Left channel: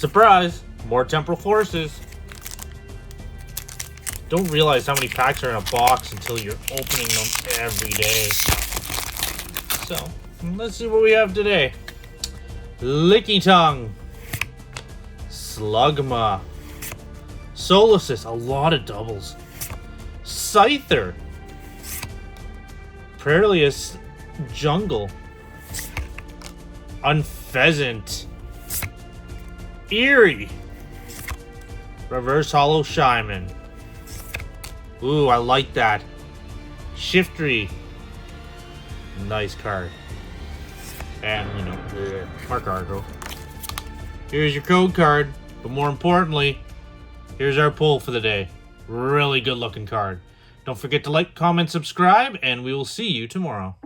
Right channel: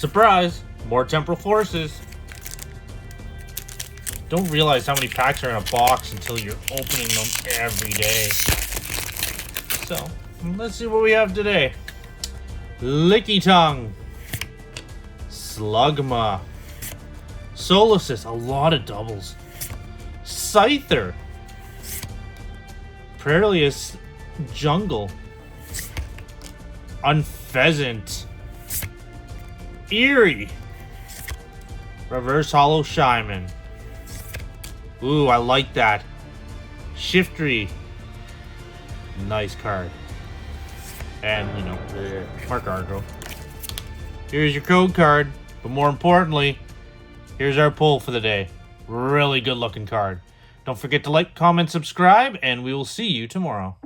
Surprise! More Temporal Forces. Don't realize how many packs are in a box until you're opening them every day. So, let's see what we have today. Licky Tongue. Slugma. Solasis, a lot of doubles. Scyther. Prelius Jungle. Unpheasant. Eerie. Reverse Hollow Shyman. Ooh, I like that. Shiftry. Nice card. And, you know, your Mark Argo. Here's your code card. But more importantly, here's our pull for the day. Really good looking card. Don't forget to like, comment, subscribe, and we will see you tomorrow.